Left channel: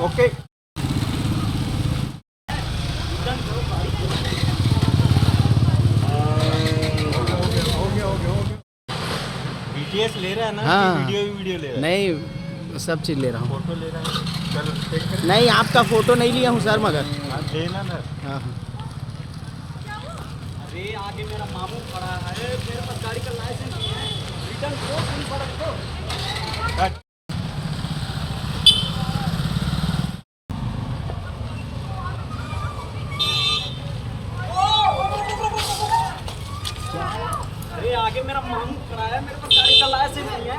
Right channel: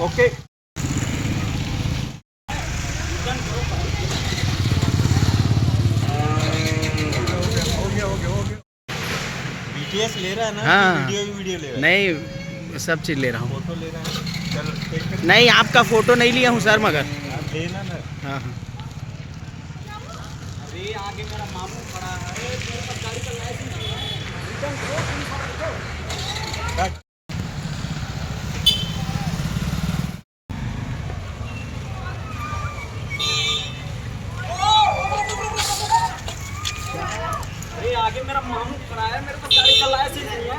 Okay BTS ले रहा है ना? हाँ। वीडियो ले रहा है? नहीं, सब चीज़ ले रहा हूँ। फोटो ले रहा है? चलो टेक कर। नहीं, आपका फ़ोटो नहीं लिया हूँ सर, मगर हाँ देना ना। हाँ हाँ। अरे आगे मेरा मामू खड़ा है, मेरे पास गाड़ी का लाइसेंस नहीं है। रिटर्न करो, पुलिस वाला देखो। कट। अरे आगे मेरा मामू खड़ा है, मेरे पास गाड़ी का लाइसेंस नहीं है।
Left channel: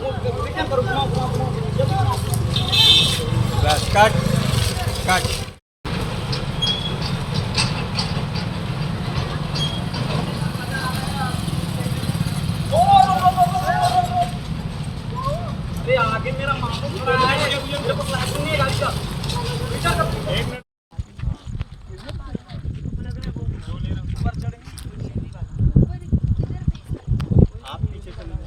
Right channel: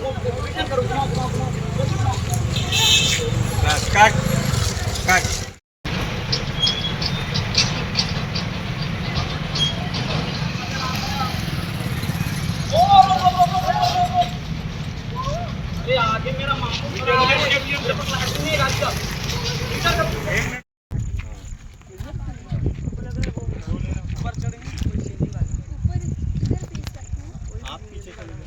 वो रिटर्न करो, घुमाओ घुमाओ घुमाओ, जल्दी घुमाओ। बस कट कट। अरे आगे मेरा मामू खड़ा है, मेरे पास लाइसेंस नहीं है गाड़ी का। रिटर्न करो। आप पीछे चले जाओ।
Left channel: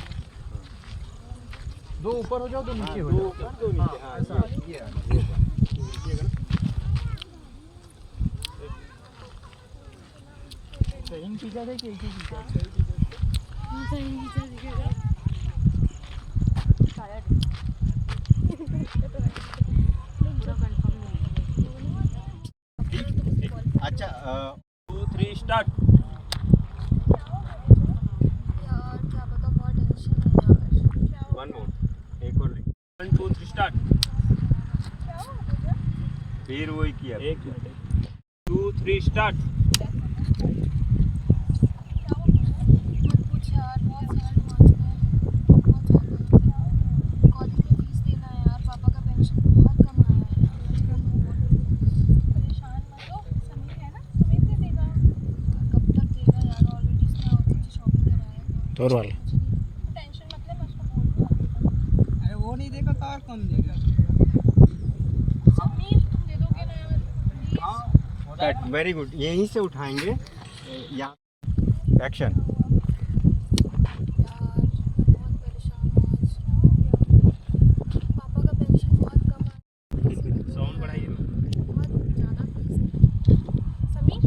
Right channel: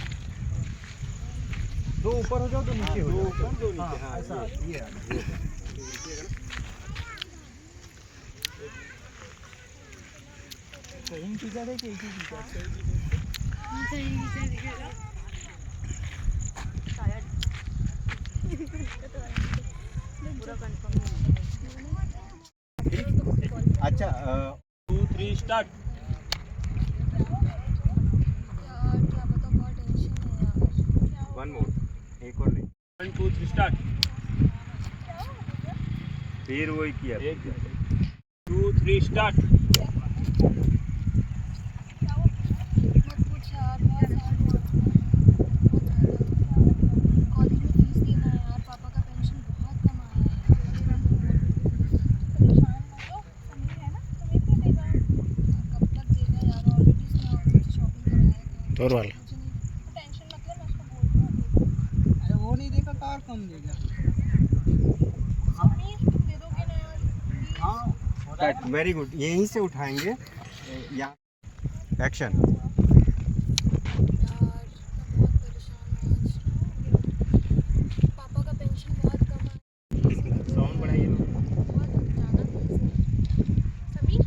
दो ऊपर हो जाओ तो नीचे हो जाओ। दो नीचे। हाँ ऐसा ये है। कहीं पीछा थे कि एक ही पीछा? अच्छा 2 3 स्टार्ट। यार क्या पता, बहुत टेंशन है यार। वन मोर, एक और ले। 1 2 3 स्टार्ट। फिर वही किया। 1 2 3 स्टार्ट। मत पूछ यार, बहुत सैड हूँ आज मैं, बहुत ज़्यादा। कॉलेज में फीस देना है यार, पापा का पेंशन बहुत कम आया है यार। परेशान मत हो, समीर है ना, समीर दे देगा यार। कब तक देगा यार, ऑलरेडी उसने मुझे शॉपिंग कराया था। तोर वाला। मुझे नहीं, टेंशन मत ले, मैं उसको बोल दूँगा। अरे वो नहीं देगा तो और कौन देगा? समीर तुम दे दोगे ना यार, प्लीज। हाँ हो जाएगा कट। ना। Very good. यहीं से उठाएंगे। यहाँ एक्शन। यार मैं बहुत परेशान हूँ आज। पापा का पेंशन बहुत कम है, किसी को दो यार, बहुत ज़्यादा फीस है। समीर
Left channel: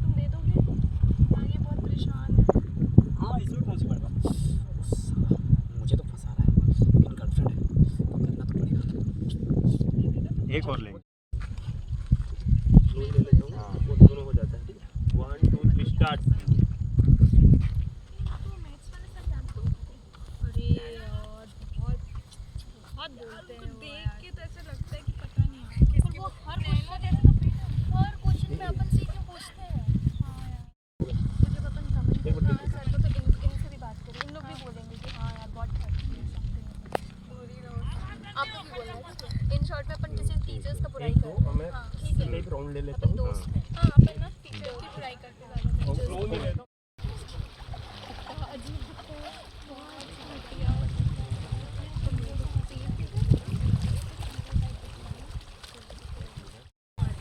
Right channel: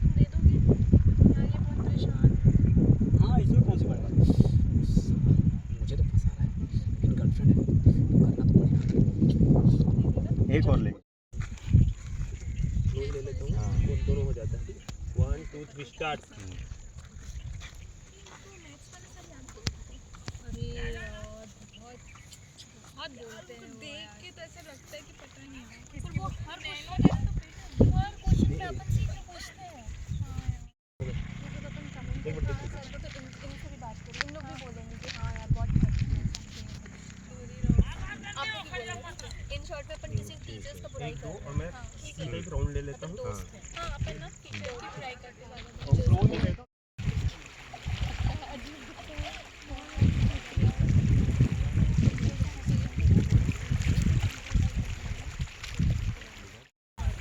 तुम दे दोगे यार, ये बहुत परेशान है। हाँ इसमें कौन सी बड़ी बात? मुझे तो फंसा रहा है, लेकिन गर्लफ्रेंड है तो करना तो पड़ेगा। दे देगा तो एक और ले। ले लेता हूँ, वो दोनों हो जाता है। ठीक है 1 2 3 स्टार्ट। तो मैथ्स वाले सर याद तुमको? अरे यार बहुत बहुत बोलते हैं वो, देख के तो ऐसा लगता है कि पता नहीं यार, पर वो हर क्वेश्चन में अपन सीख के पूछते हैं। हाँ यार, वो जब अपन कमेंट करते हैं सर को, तो इनसे भी बात करें, इन लोग भी बोलेंगे कि हाँ यार बहुत हेल्पफुल है समथिंग। आप लोग भी बोल रहे हैं। इन शॉर्ट में अपन किसी टीचर्स का बुराई कर रहे हैं। हाँ ठीक है, एक राउंड ले लेता अपन हूँ। दोस्त हैं। हाँ अपन ना टीचर की बुराई करते ज़्यादा, टीचर्स राउंड ले लेता हूँ।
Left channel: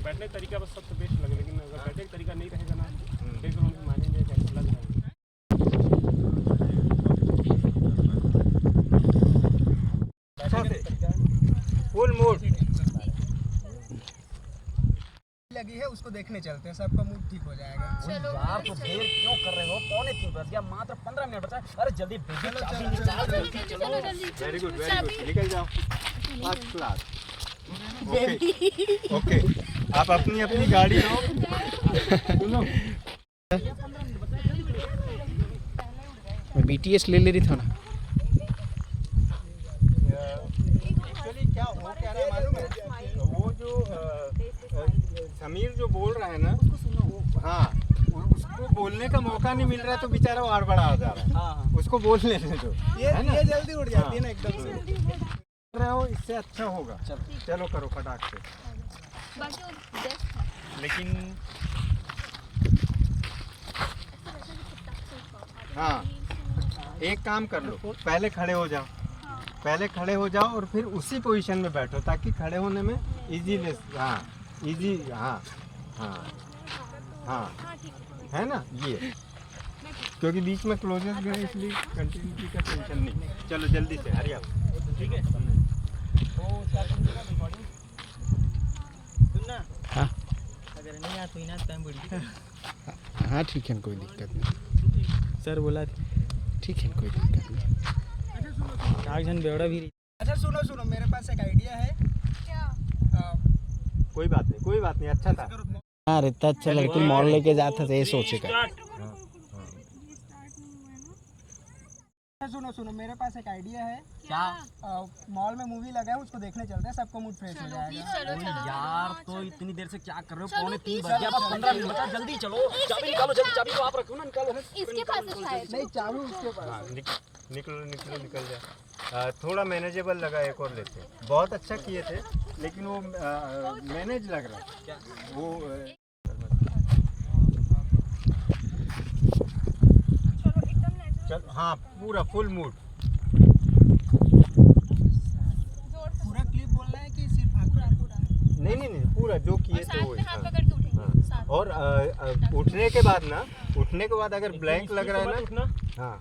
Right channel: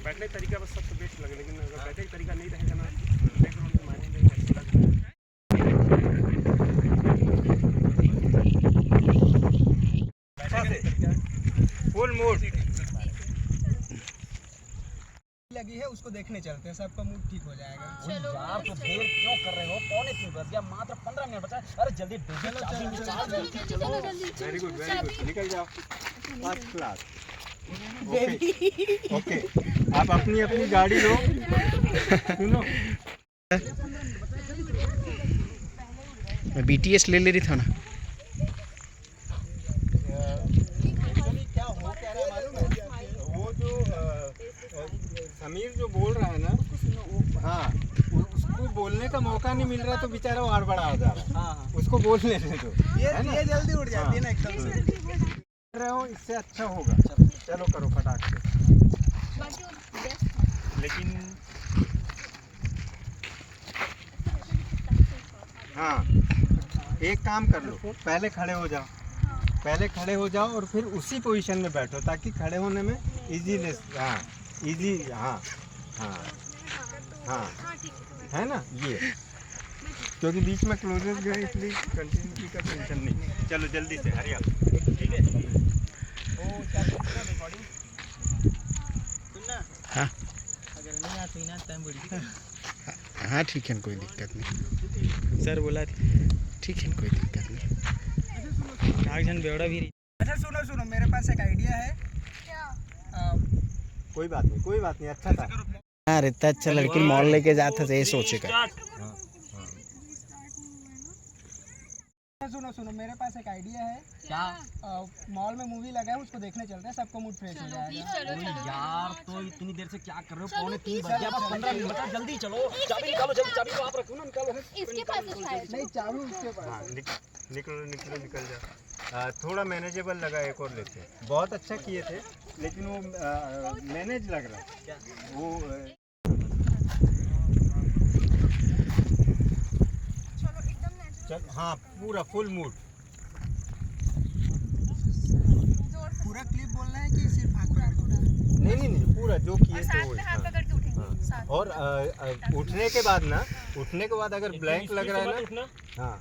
बैठने का तरीका बस सबसे बेस्ट लगे, लेकिन अगर बैठने का तरीका नहीं रहेगा ना, बैकग्राउंड से मानेंगे कैसा लग रहा है। Full mood. लगी है, उसको देखने चलते हैं, सबका मूड ठीक हो जाएगा। चलो यार तो देर क्यों कर रहे हो? 2:45 बज गया, मात्र 15 मिनट बचा है। अरे जल्दी चलो जल्दी वेरी गुड वेरी गुड। निकल जाओ। First class. Okay okay. आप अपनी अपनी गाड़ी लो। सुनो मैं BTS ले ले रही था ना। एक्चुअली क्या हो क्या रहा है मालूम है? वो जो समीर जो बोल रहा है ना, हाँ उसको बोलने का मौका नहीं मिल रहा है तो बेचारा और बड़ा हो जा रहा है। हाँ उसको बोलने दे दो। है ना? ये जल्दी उड़ जाती है ना एकदम से। कर रहे हो इससे अच्छा होगा। चलो करो फटाक से। बाकी वो बेस्ट लेकिन हाँ एक काम कर लो, पहले खड़े हो जाओ। पहले खड़े हो जाओ और फिर उसी पोजीशन में बैठो ताकि खड़े होने में इजीनेस। हाँ इजी। हाँ हाँ हाँ है ना ये, क्योंकि बीच में क्लोजर भी है इसलिए कंटिन्यूटी का टेंशन नहीं। चलो जल्दी से हरिया। ठीक है। तो क्या रिकॉर्डिंग हाँ ठीक है, कोई दिक्कत नहीं। सर बोला ठीक है, कोई दिक्कत नहीं। आगजन बेड़ा भी अच्छा सुनो सुनो, मेरे पास एक आइडिया है। कोई बात नहीं, अच्छा था। हाँ रहता अच्छा, लड़की मॉल लेके जाता था ये सोचेगा। सुनो सुनो, मेरे पास एक आइडिया है। क्या? मॉल में मूवी लगा है, उसको देखने चलते हैं, सबका मूड फ्रेश हो जाएगा। यार तो इतनी देर से क्या कर रहे हो? 2:45 बज गया, बस 15 मिनट बचा, जल्दी चलो। चाबी निकालो, जल्दी चाबी तो आप रखो ना, निकालो। इसके पास है शायद। नहीं, चाबी उसके पास। हाँ, निकल जाए। थोड़ा मैनेजेबल लगा, एक और लेते। बहुत अच्छा किए थे, लेकिन वो मैनेज लग रहा क्या वो चल। हाँ, पूरा फुल मूड। पूरा क्लिप बोलना है कि सिर्फ हाथ पकड़? नहीं, पूरा जो किए थे वो। हाँ। और उठने के बाद अगर ब्लैंक लग रहा है ना, हाँ,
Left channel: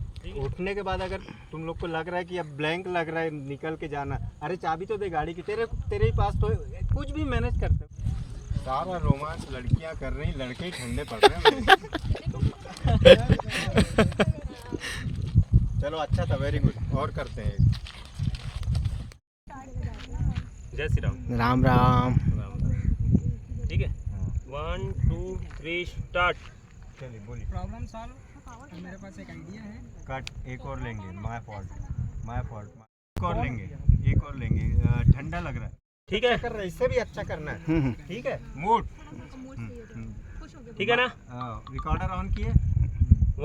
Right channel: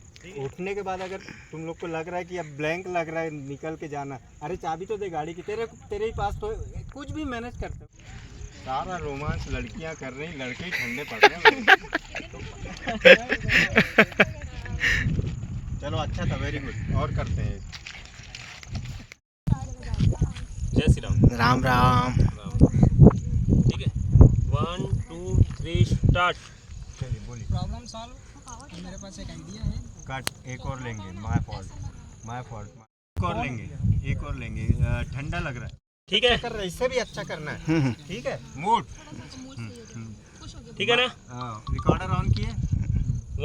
उठने के बाद अगर तुम लोग को लग रहा है कि अब ब्लैंक लग रहा है, निकल के जाना, अरे चाबी तो दे गाड़ी की, तेरे ही पास तो कुछ भी मैनेज करते हो। सारा रोमांस लड़कियां कर रही, लड़के ठंडे पड़ रहे हैं। चलो अच्छा था, वेरी गुड। और करते हैं। जय श्री राम। राम राम। ठीक है, 1 2 3 स्टार्ट। चलिए बोलिए। Problem solve. मेरे पास एक आइडिया है। कट एक और लेंगे। माय फॉल्ट एक और लेंगे। ठंडा लग रहा है, ठीक है, कर रहा है, इससे भी अच्छा करना है। ठीक है, मूड ठीक है ना? रिकॉर्डर ऑन किए।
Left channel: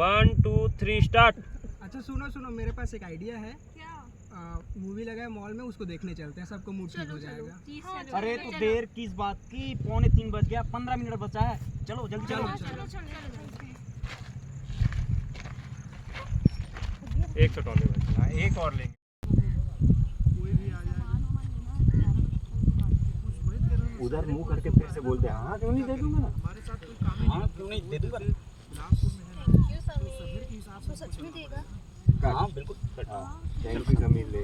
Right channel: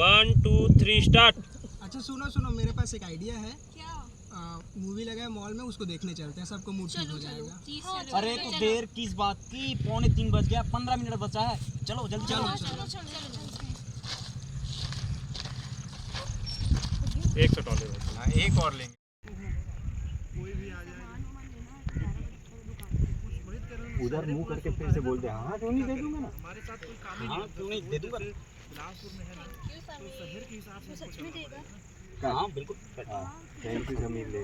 1 2 3 स्टार्ट। अच्छा सुनो सुनो, मेरे पास एक आइडिया है। क्या? मूवी लगा है मॉल में, उसको देखने चलते हैं, सबका मूड ठीक हो जाएगा। अरे तो देर किस बात की? 2:45 बज गया, 15 मिनट बचा है। चलो जल्दी चलो। एक सेकंड और। हाँ, एक और लेंगे। उधर मुंह करके फिर से बोलते हैं, हाँ क्यों नहीं दे दूंगा ना। हाँ क्यों नहीं, दे दूंगा। सच में देगा? हाँ बिल्कुल। थैंक यू समीर ले।